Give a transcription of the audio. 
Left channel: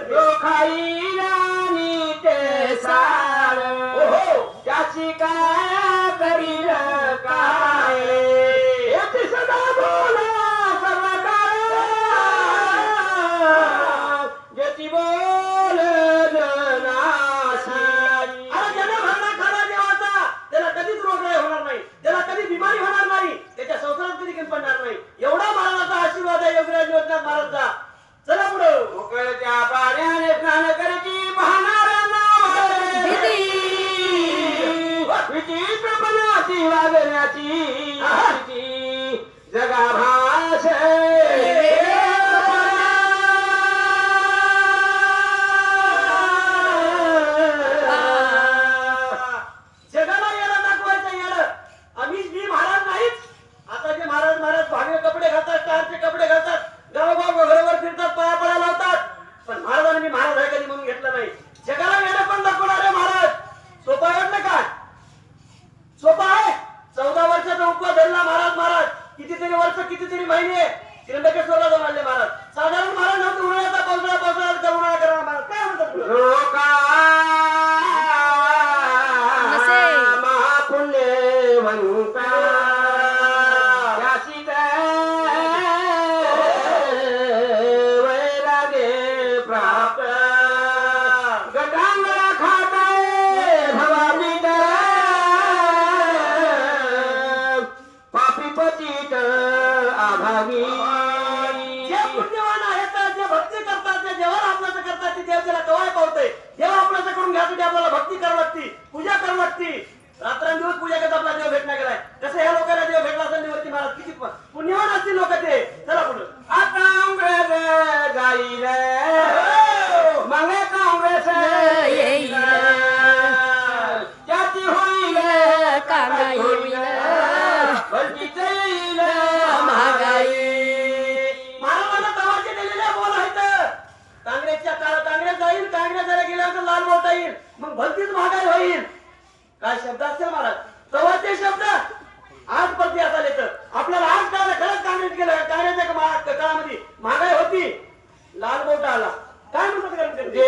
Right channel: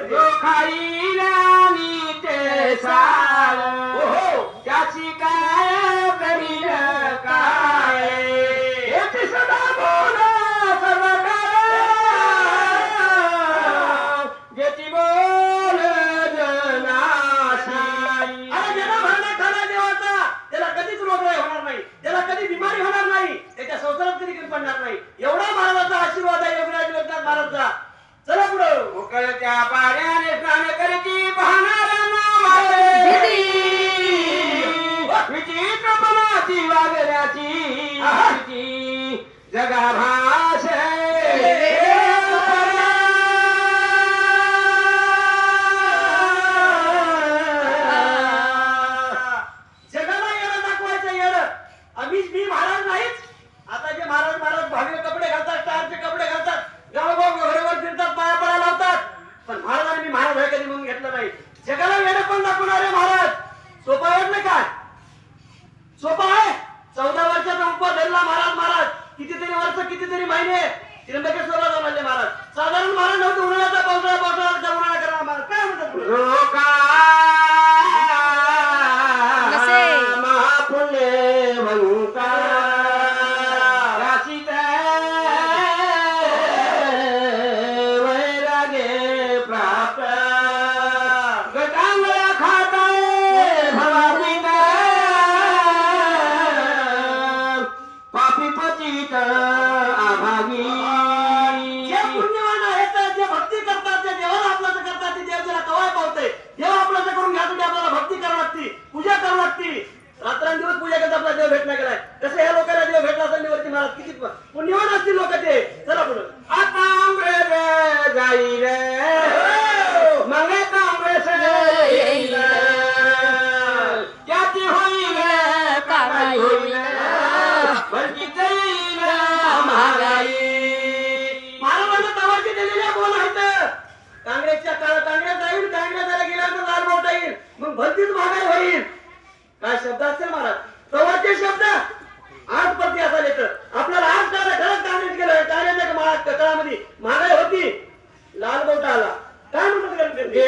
करते? खाईरानी ते सार त्याची काय करील सदा बोला सर्व ज्याची बोल त्याला कधीच रोग नाही होणार नाही. त्याला कधी बिमारी होणार नाही त्याच्या संसारात कधी कमी पडणार नाही. एवढा महाराजाचा आशीर्वाद आहे योगराज महाराजचा. चला पुढं. उकळत्या विचित्रपणाची वागण्याची भीती जगा जगाला येणं दाखवायचं येणं. आम्ही मी महाराज नाहीच कितीतरी कितीतरी महिने त्र्यंबकेश्वरला जाऊन आले महाराज. साधारण महाराज नव्हतं उन्हाळ्याचा पावसाळा पावसाळा उन्हाळा करणार पापी आभागी जे पुण्यवान आहेत जे भक्ती करतात जे देवाला आपल्याचं करतात ते देव त्याला कवाय पावते. देव आपल्याचं करून घ्यासाठी आपल्याला भक्ती करावी लागती पूजा करावी लागती. रात्रंदिवस पूजा करता आपला देव भेटला गेलाय. तसं या लोकांना देव भेटला असेल देवती महाराज किती पुण्यवान असतील लोक ते. चला पुढे.